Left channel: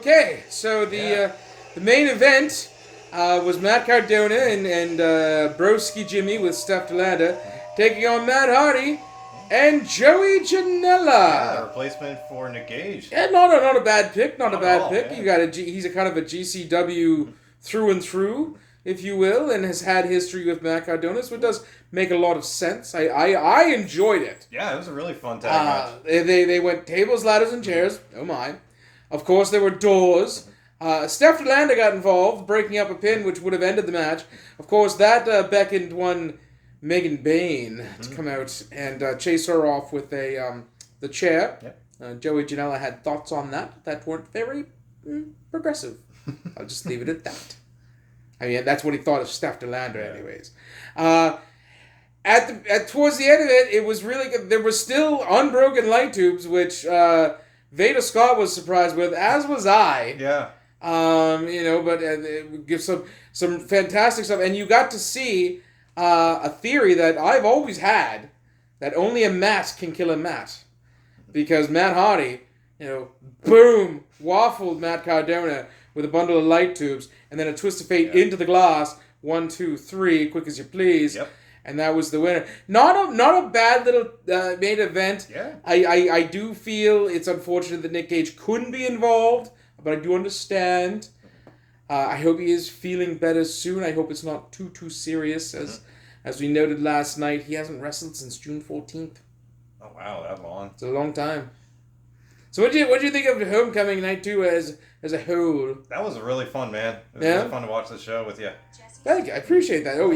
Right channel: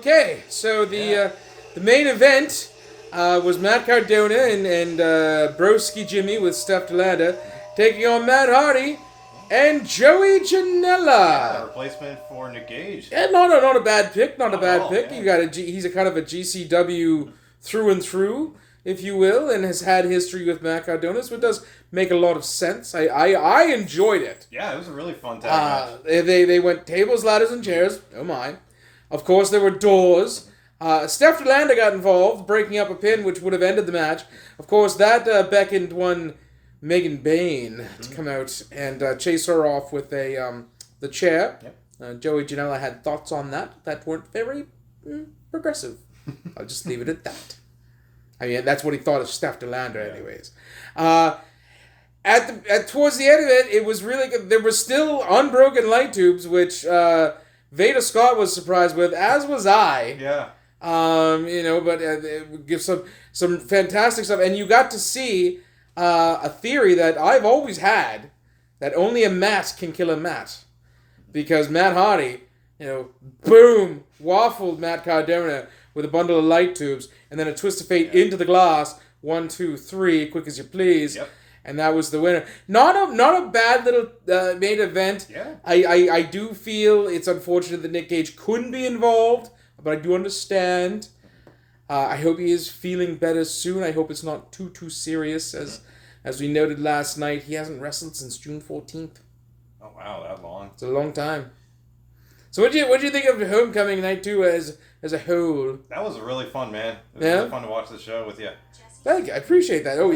Okay, so the main event was Matt Cardona and Broski Jimmy with Steph Delanda taking on Matt Hardy and Joey Yeah, Janela. replacement for Nick Gage. Yeah, not a bad pick, not a Not at bad all, pick. yeah. He's a kind of a GCW through and through, if you will, and has had history with Matt Cardona, so it does make a lot of sense. I enjoyed it. Yeah, it was a really fun tag match. They went tables, ladders, and chairs. Oh my. Of course, there were doors. Steph Delanda got involved, breaking up a pin which would have ended the match. Of course, that beckoned one Megan Bain to come out and chase her off with the chair. Yep. Joey Janela had thoughts on that weren't very progressive. I'll just leave it at that. I mean, that's what he thought of Steph Delanda, anyways. Towards the end of it, it was really good. There were still unbroken light tubes, which Veda Scott was surprised with, as was I. Yeah. But it would give some fantastic stuff, and you got to see a theory that I've always had, that only a mat can kill a mat, because Matt Hardy, boom, waffled Matt Cardona with a bundle of light tubes, and then a twist of fate into the glass. 1, 2, 3, quick as you please. Yep. And that was the winner. Not a bad little main event. Yeah. I do feel it's unfortunate that Nick Gage couldn't be involved, but I do understand. I hope he is feeling better soon. I hope it's not too serious. As we noted last night, he hasn't wrestled since June 14th. Oh wow, that long. It's a long time. So what do you think of Homecoming Night 2 as a whole? That was really fun, man. It was really fun to watch the show with you. Thank you. I appreciate that. Oh,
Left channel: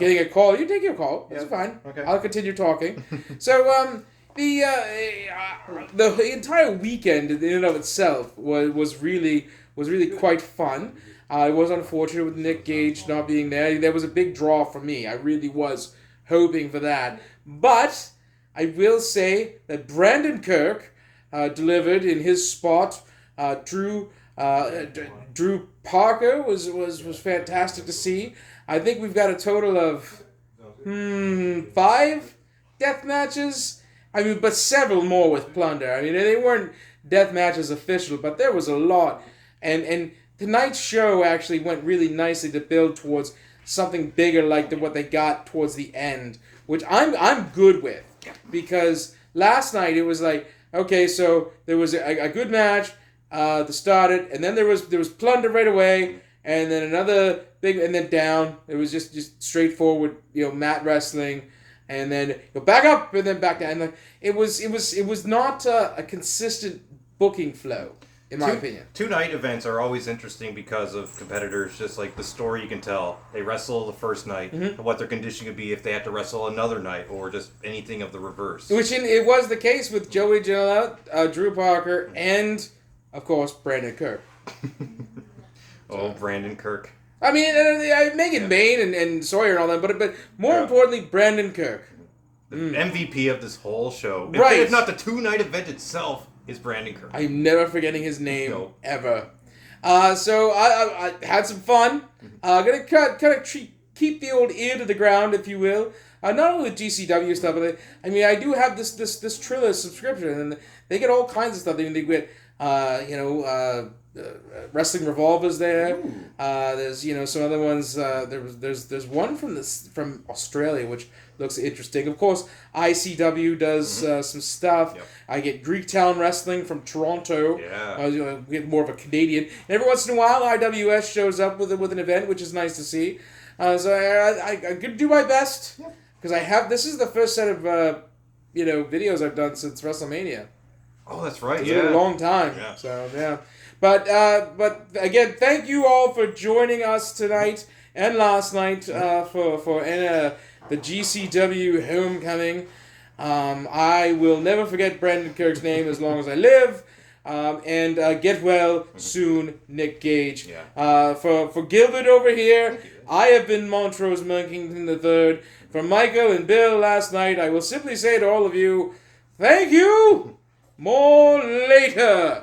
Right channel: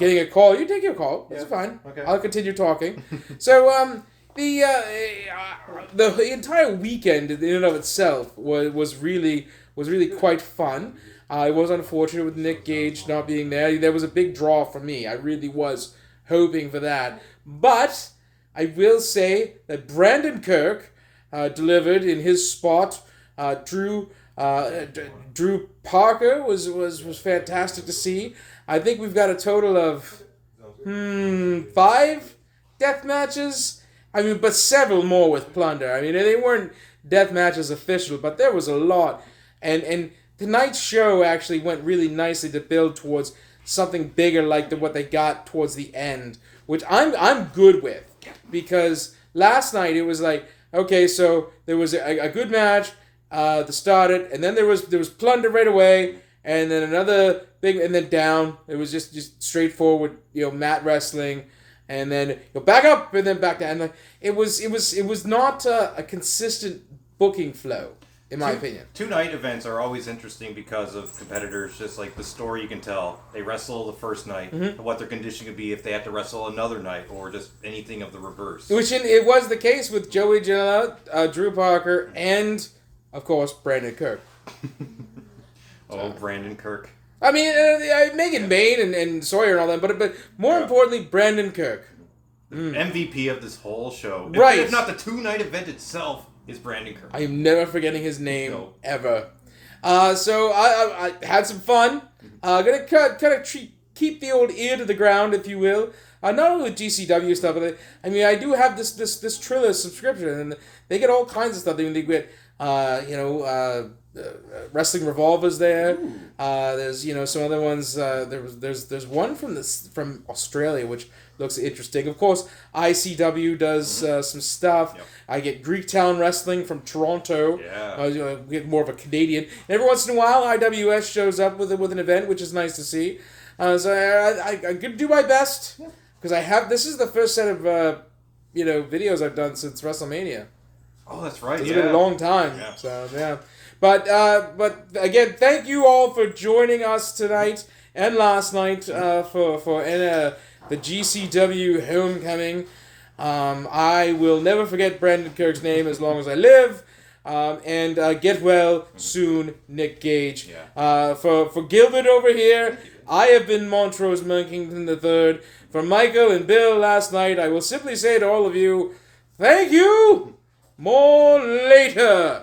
getting a call. You take your call. That's fine. Okay. I'll continue talking. So, the entire weekend in and of itself was really quite fun. I was unfortunate with Nick Gage not being there. There was a big draw for me. I really was hoping for that. But I will say that Brandon Kirk delivered in his spot. Drew Parker was fantastic to see. I think we've got a total of 5 death matches. I mean, but several more with Plunder. I mean, they weren't death matches official, but there was a lot. And tonight's show actually went really nicely to build towards something bigger like what they got towards the end, which I'm good with, because last night it was like, okay, so there was a good match. To start it, and then there was Plunder right away, and then another big, and then down. It was just straightforward, mat wrestling, and then back up, and then back down. And it was not a consistent booking flow, in my opinion. 2-night events are always interesting because of competitors, just like the story you can tell. They wrestle the first night, and what their condition could be if they had to wrestle another night, or just anything of the reverse. Which it was the case with Joey Janela, Drew Parker, and of course, Brandon Kirk. Brandon Kirk. I mean, Megan Bain and Sawyer and all that, but more importantly, Brandon Kirk. The MVP of this whole show. Right. If not the 2-night event itself, is Brandon Kirk. I'm never forgetting his name, ever. So I had some fun. Gonna kind of keep the old ear to the ground, if you will. Not only with GCW stuff, but I do have this Triller subscription, and they get all kinds of stuff. They get Wrestling Revolver's there. There's some other ones. There's one from Australia which looks interesting. Of course, ICW does some stuff. Yep. I get Greektown Wrestling from Toronto. Yeah. Get more of a Canadian. And every once in a while, IWS shows up with an event, which is nice to see. So I could do my best, because I have. This is the first set of videos I've done since WrestleMania. Oh, that's right. It's been a long time. Yeah. So yeah, but again, thank you all for joining us tonight and last night for the GCW Homecoming. I will never forget Brandon Kirk's name as long as I live. And get well soon, Nick Gage. Yeah. For Gilbert over here, I have been Montrose Monkington III. For Michael and Bill last night, I will simply say to all of you, thank you. More later.